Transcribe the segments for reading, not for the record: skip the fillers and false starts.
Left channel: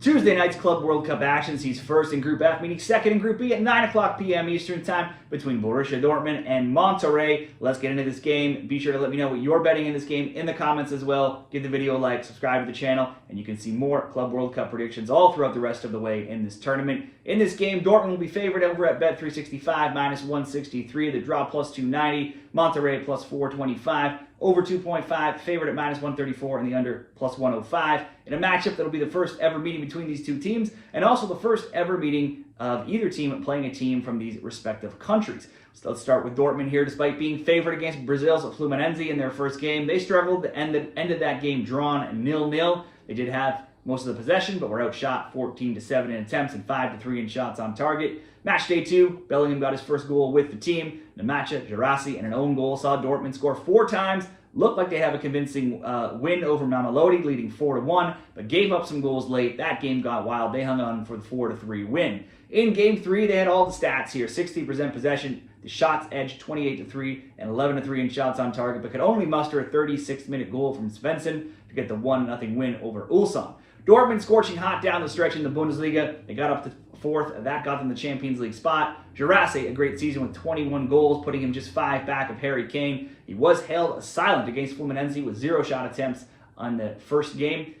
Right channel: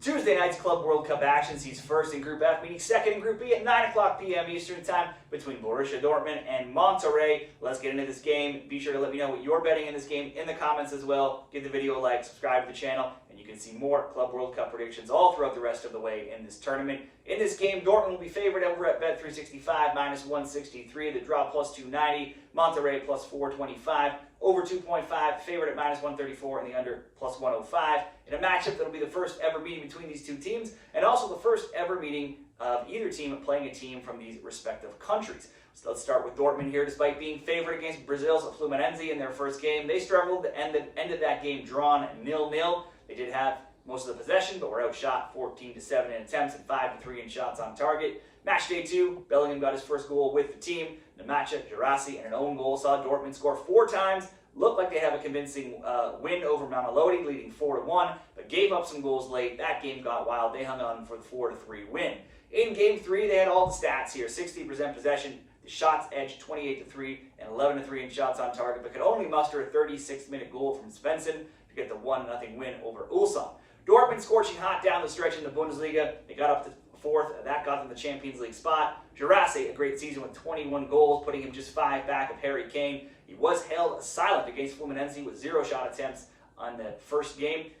Tuesday night's Club World Cup action sees first in Group F meeting second in Group B at 9 o'clock p.m. Eastern Time between Borussia Dortmund and Monterrey. Let's get into this game. Be sure to let me know what you're betting in this game in the comments as well. Give the video a like, subscribe to the channel, and you can see more Club World Cup predictions all throughout the rest of the way in this tournament. In this game, Dortmund will be favored over at Bet365, minus 163, the draw plus 290, Monterrey plus 425. Over 2.5, favored at minus 134, and the under plus 105. In a matchup that'll be the first ever meeting between these two teams, and also the first ever meeting of either team playing a team from these respective countries. So let's start with Dortmund here. Despite being favored against Brazil's Fluminense in their first game, they struggled and ended that game drawn 0-0. They did have most of the possession, but were outshot 14-7 in attempts and 5-3 in shots on target. Match day 2, Bellingham got his first goal with the team. Namacha, Girassi, and an own goal saw Dortmund score 4 times. Looked like they have a convincing win over Mamelodi, leading 4-1, but gave up some goals late. That game got wild. They hung on for the 4-3 win. In Game 3, they had all the stats here. 60% possession, the shots edged 28-3 and 11-3 in shots on target, but could only muster a 36-minute goal from Svensson to get the 1-0 win over Ulsan. Dortmund scorching hot down the stretch in the Bundesliga. They got up to 4th. That got them the Champions League spot. Girassi, a great season with 21 goals, putting him just 5 back of Harry Kane. He was held silent against Fluminense with 0 shot attempts on the first game,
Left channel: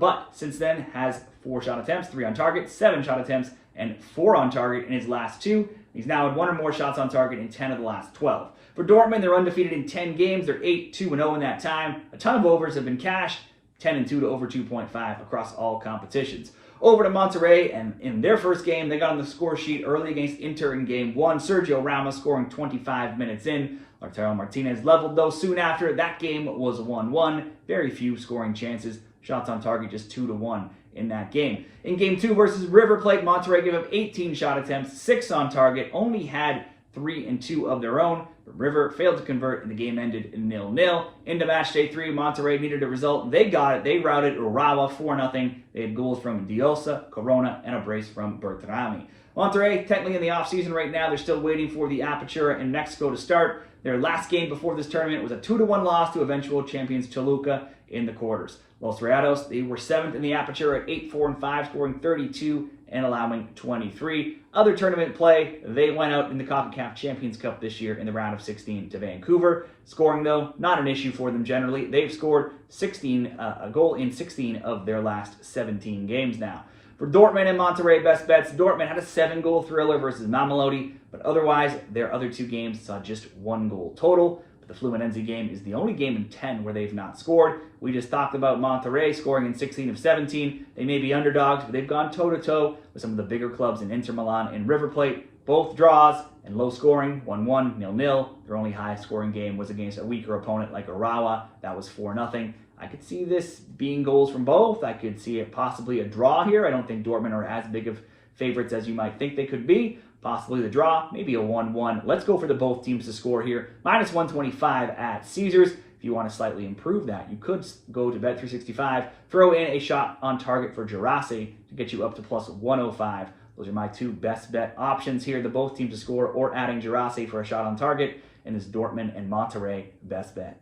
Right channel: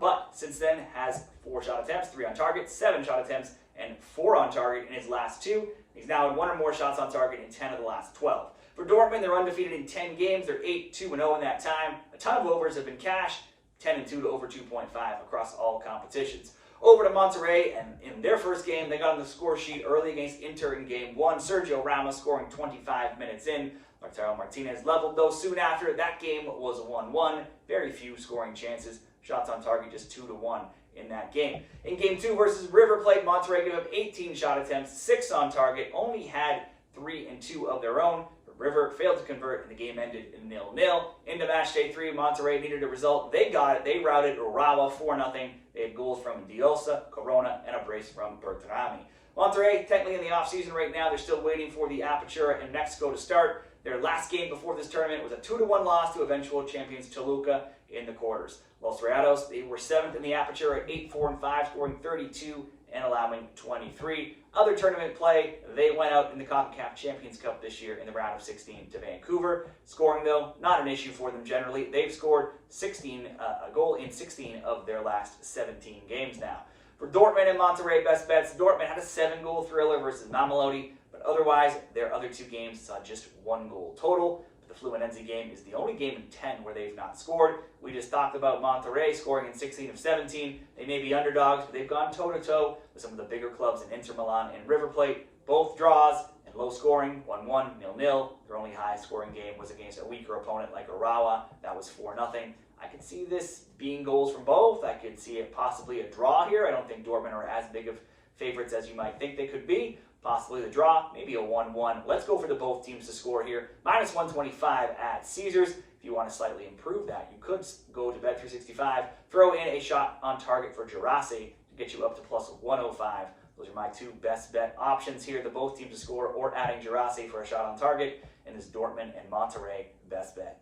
but since then has 4 shot attempts, 3 on target, 7 shot attempts, and 4 on target in his last 2. He's now had 1 or more shots on target in 10 of the last 12. For Dortmund, they're undefeated in 10 games. They're 8-2-0 in that time. A ton of overs have been cashed, 10-2 to over 2.5 across all competitions. Over to Monterrey, and in their first game, they got on the score sheet early against Inter in Game 1. Sergio Ramos scoring 25 minutes in. Lautaro Martinez leveled, though, soon after. That game was 1-1. Very few scoring chances. Shots on target just 2-1 in that game. In Game 2 versus River Plate, Monterrey gave up 18 shot attempts, 6 on target, only had 3 and 2 of their own. But River failed to convert, and the game ended 0-0. Into match day 3, Monterrey needed a result. They got it. They routed Urawa 4-0. They had goals from Diosa, Corona, and a brace from Bertrami. Monterrey, technically in the offseason right now, they're still waiting for the Apertura in Mexico to start. Their last game before this tournament was a 2-1 loss to eventual champions Toluca in the quarters. Los Rayados, they were 7th in the Apertura at 8-4-5, scoring 32 and allowing 23. Other tournament play, they went out in the CONCACAF Champions Cup this year in the round of 16 to Vancouver. Scoring, though, not an issue for them generally. They've scored a goal in 16 of their last 17 games now. For Dortmund and Monterrey best bets, Dortmund had a 7-goal thriller versus Mamelodi, but otherwise, their other 2 games saw just 1 goal total. But the Fluminense game is the only game in 10 where they've not scored. We just talked about Monterrey scoring in 16 of 17. They may be underdogs, but they've gone toe-to-toe with some of the bigger clubs in Inter Milan and River Plate. Both draws and low scoring, 1-1, 0-0. Their only high-scoring game was against a weaker opponent like Urawa. That was 4-0. I could see this being goals from both. I could see it possibly a draw here. I don't think Dortmund are as big of favorites as you might think they could be. Possibly the draw, maybe a 1-1. Let's go for the both teams to score here. Minus 125 at Caesars. If you want to slightly improve that, you could go to Bet365, throw in a shot on target for Girassi to get you up to plus 105. Those are my 2 best bet options here. The both teams to score or adding Girassi for a shot on target in this Dortmund and Monterrey best bet.